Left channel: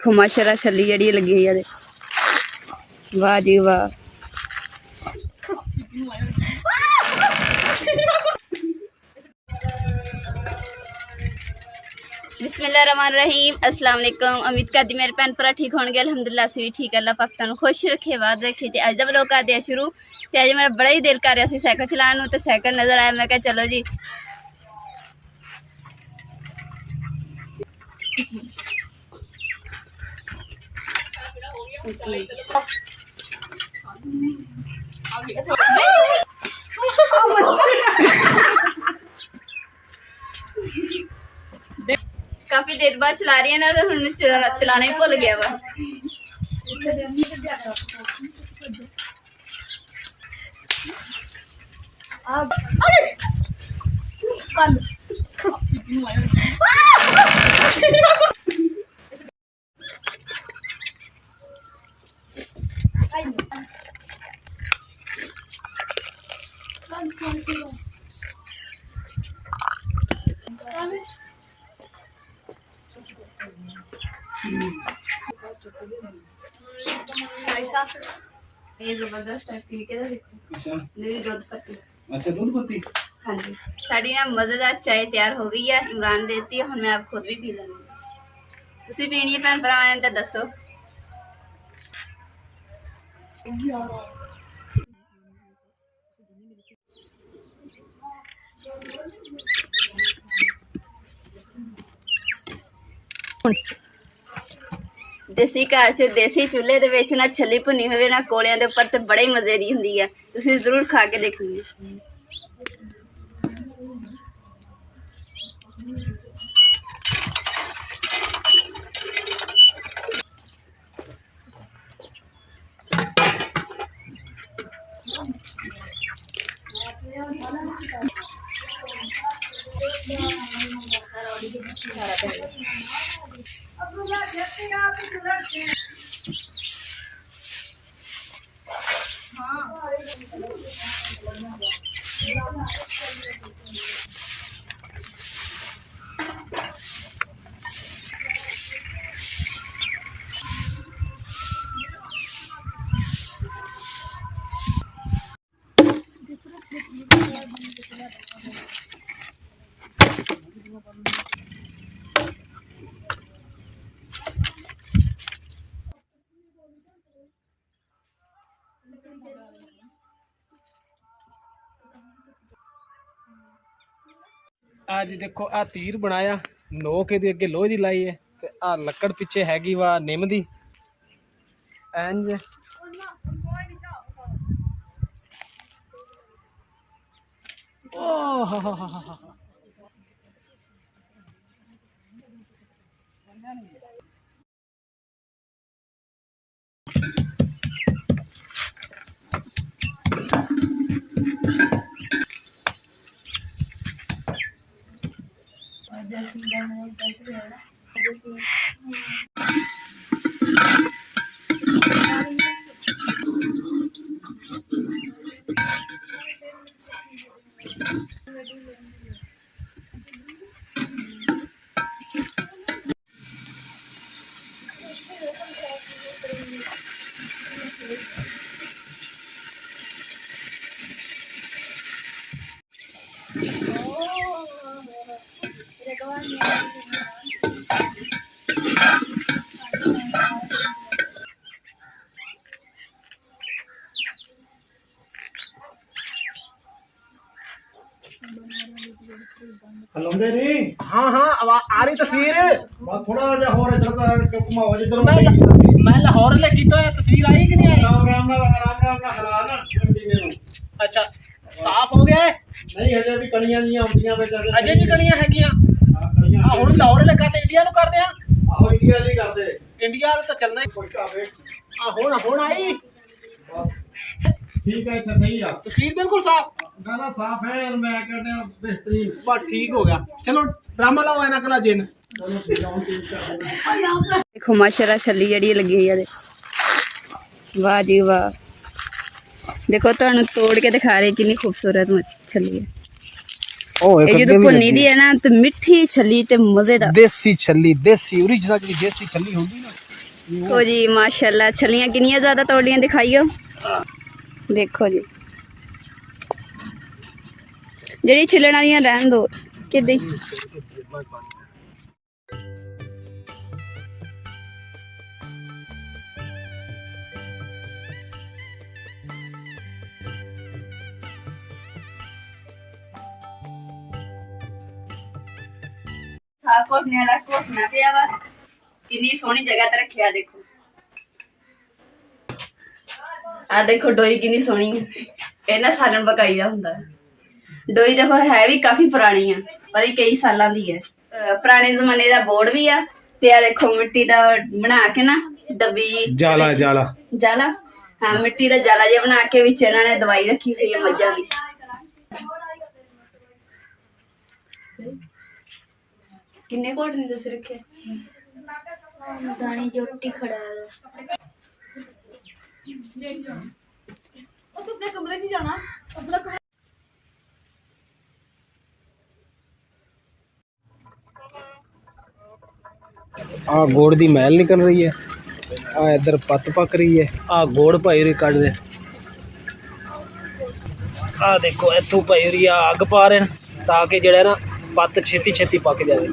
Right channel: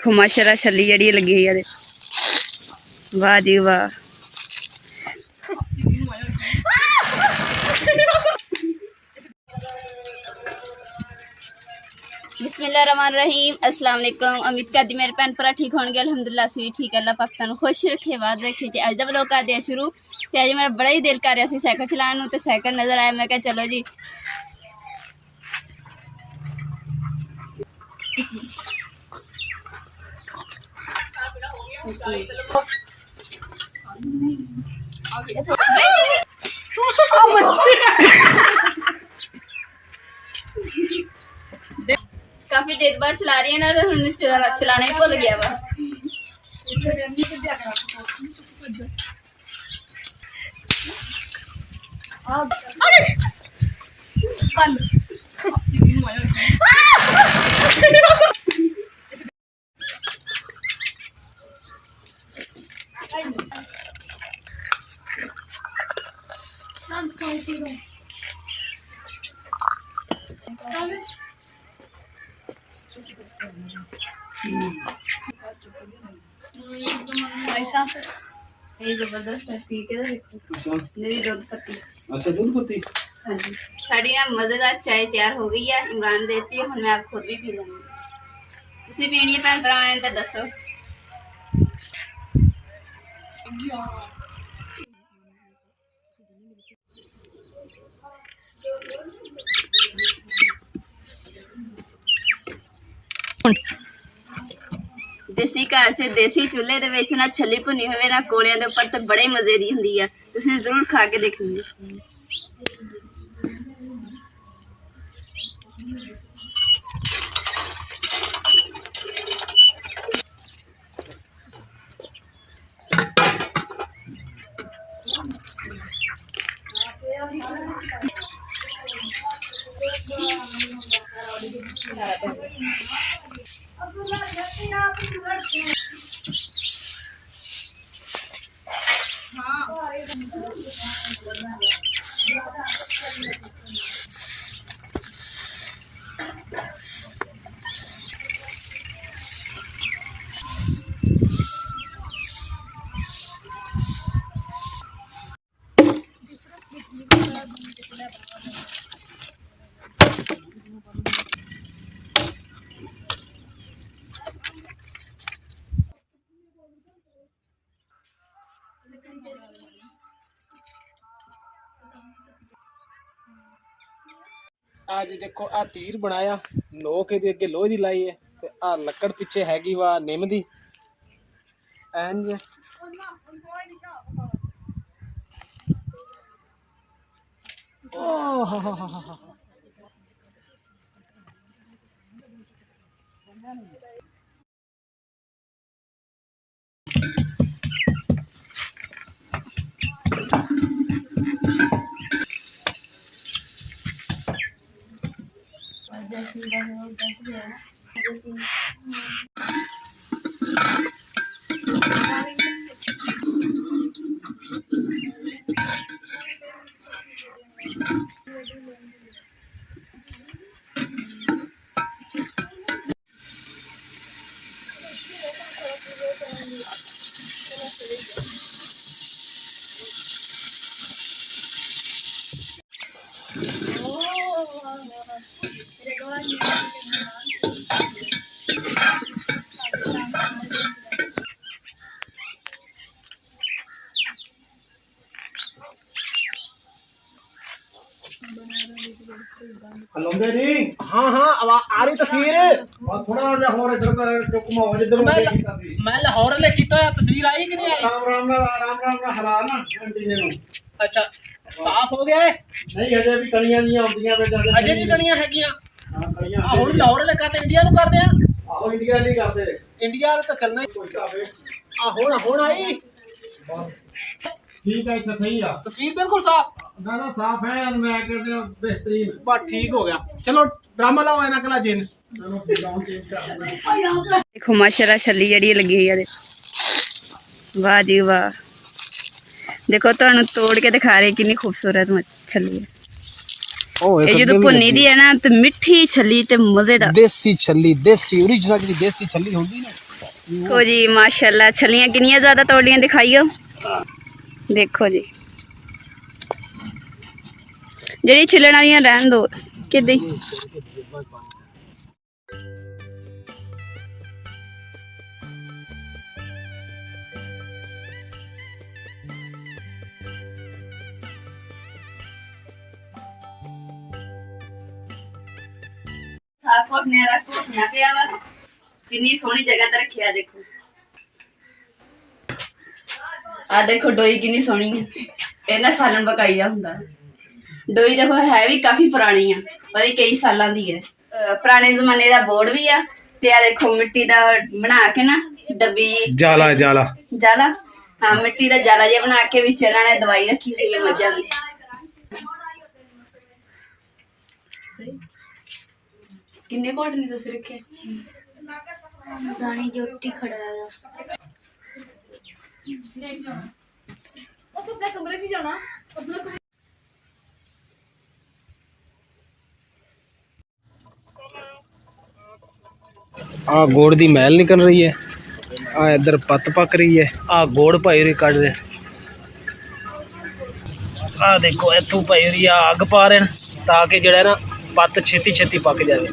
देखो माशाल्लाह छली जड़ी लगी हुई है। वाह जी वाह। बिस्मिल्लाहिर्रहमानिर्रहीम। अस्सलाम वालेकुम। उम्मीद करती मेरे भैन भरा ठीक होंगे। अलहमदुलिल्लाह असीं भी ठीक। अल्लाह पाक तुहानूं खुश रखे, वाद रखे। ते अज दा व्लॉग करदे आ शुरू। ते अज मेरा बड़ा ही दिल कर रहा सी साइकिल चलाउण नूं, ते साइकिल नज़र आया। मैं कहा चलो जी काफी देर बाद चला रही है ना, तो हुण चलाना ही भुल गया वा। ये जबरदस्त है, पी के देखो। मेरी दूध पत्ती। अच्छा दूध पत्ती। हाँ जी, साड़ी ना मज़ेदार चाय तैयार हो गई है। इमरान देती है, हुण मैं आप खुद भी पी लूँगी। तुसीं पीनी है भैन भरावां ने तां दस्सो। देसी घर च देसी चूल्हे दे विच ना छली भुनी होवे ना कोलियां दे उपर, ते बड़े मज़े दी हुंदी है। तुसीं जरूर खा के देखोगे। आज देखो आ तीर बनाया, नोक इहदे अगे लोहे दी लाई है, ते आ लकड़ पिछे हैगी वा निम दी। इंज ओ हा हलौंदे नहीं। हाँ आ रही तस्वीर। बस थोड़ा जा और इधर का घुमाओ जिधर मैं लाहौर ले कीता है, तस्वीर आई कि नहीं आई? राम राम ना हला ना कंटिन्यू। अच्छा साफ हो गया है? नहीं अजे भी कणियां नहीं आਉਂਦੀਆਂ ਵੇ ਜਦ अजे भी कणियां हैगियां। हां कणियां आ हुण लाहौर ले करते इंडिया नु करदे आ। आहो इंडिया ਲਈ ਕਰਦੇ इंडिया तो चलना ही। ਕੋਈ ਤਾਂ ਵੇ आ हुण आई बस ठीक है इतना सही है। तस्वीर बिल्कुल साफ, गाना साफ है और मैं कहते हैं बेहतरीन। बस ठीक हो गया। चलो ड्रामा लाओ इना कला जिन। चलो ठीक है तीन कर देखो माशाल्लाह छली जड़ी लगी हुई है। वाह जी वाह। देखो तुहानू तोड़ के दिखा रहे कितनी खूबसूरत छली है। ये जो भुन्नी दी है ना, तो मिठी छली ते मजेदार देसी छली, देसी ओरिजिनल जी देसी छली होंदी ना, देखो जी माशाल्लाह छलियां किनियां ज्यादा तोड़ियां दिखाइयो। देखो जी ਜਿਹੜੀ ਛਿੱਲਣ ਵਾਲੀਆਂ ਰਹਿਣ ਦੋ ਕਿੱਦਾਂ ਸਾਹ ਕੋਟਨੇ ਵਾਲਾ ਕੋਟਣਾ ਪਿਆ ਵਾ ਕਿੰਨੀ ਸੋਹਣੀ ਜਗ੍ਹਾ ਤੇ ਰੱਖਿਆ ਦੇਖੋ ਆ ਦੇਖੋ ਡੋਈ ਕਿੰਨੀ ਸੋਹਣੀ ਹੈ ਇਹਨਾਂ ਸਾਲਣ ਪਕਾਈਦਾ ਹੁੰਦਾ ਡੋਈ ਦੇਖੋ ਹੈ ਵੀ ਕਾਫੀ ਪੁਰਾਣੀ ਆ ਪਰ ਇਹ ਕਈ ਸਾਲਾਂ ਦੀ ਹੈ ਪੁਰਾਣੇ ਜ਼ਮਾਨੇ ਦਾ ਬੋਰਡ ਵੀ ਆ ਤੇ ਆ ਦੇਖੋ ਮਿੱਟੀ ਦਾ ਬਣਾ ਕੇ ਨਾ ਡੱਬੀ जाला जाला ਜਾਲਾ ਹਾਂ ਮਿੱਟੀ ਦਾ ਜਾਲਾ ਜਿਹਾ ਬਣਾ ਕੇ ਵਿੱਚ ਇਹਨਾਂ ਨੇ ਦਵਾਈ ਰੱਖੀ ਹੋਈ ਹੈ ਮੱਝਾਂ ਦੀ ਕਿੰਨੇ ਕੋਟ ਨੇ ਤੁਸੀਂ ਰੱਖਿਆ ਦਾਣੀ ਜੋਟੀ ਖੜਾ ਹੈਗਾ ਆਪਣੇ ਕਮਰੇ 'ਚ ਜਾਣਾ ਆਪਣਾ आ गोड़ दी मैल निकल रही है आ इधर पत्त पक रही है आ गोड़ पाई रही कट रहे आ देखो इथों पाई रही है अग पा रहे हैं ताकि जड़ा ना पत्त छेती छेती पक जाए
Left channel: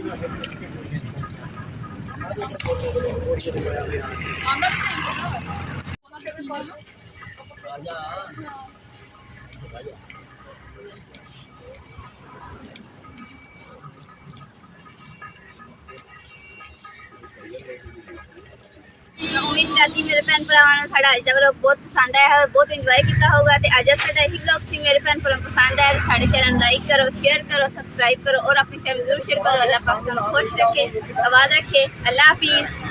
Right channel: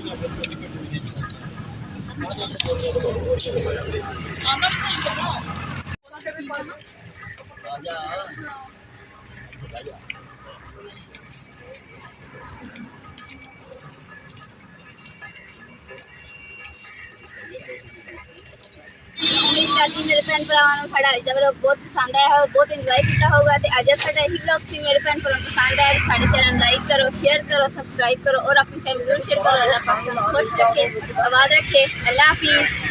उम्मीद करती मेरे भैन भरावां नूं साडा अज दा व्लॉग बहुत पसंद आया है बहुत इंजॉय किया होगा ते अज साडा यही व्लॉग सी मेरे भैन भरावां पसंद आया साडे चैनल लाइक करो शेयर करो सब्सक्राइब करो और अपनी फैमिली जरूर शेयर करो। अल्लाह पाक तुहानूं खुश रखे आबाद रखे। अल्लाह हाफिज़।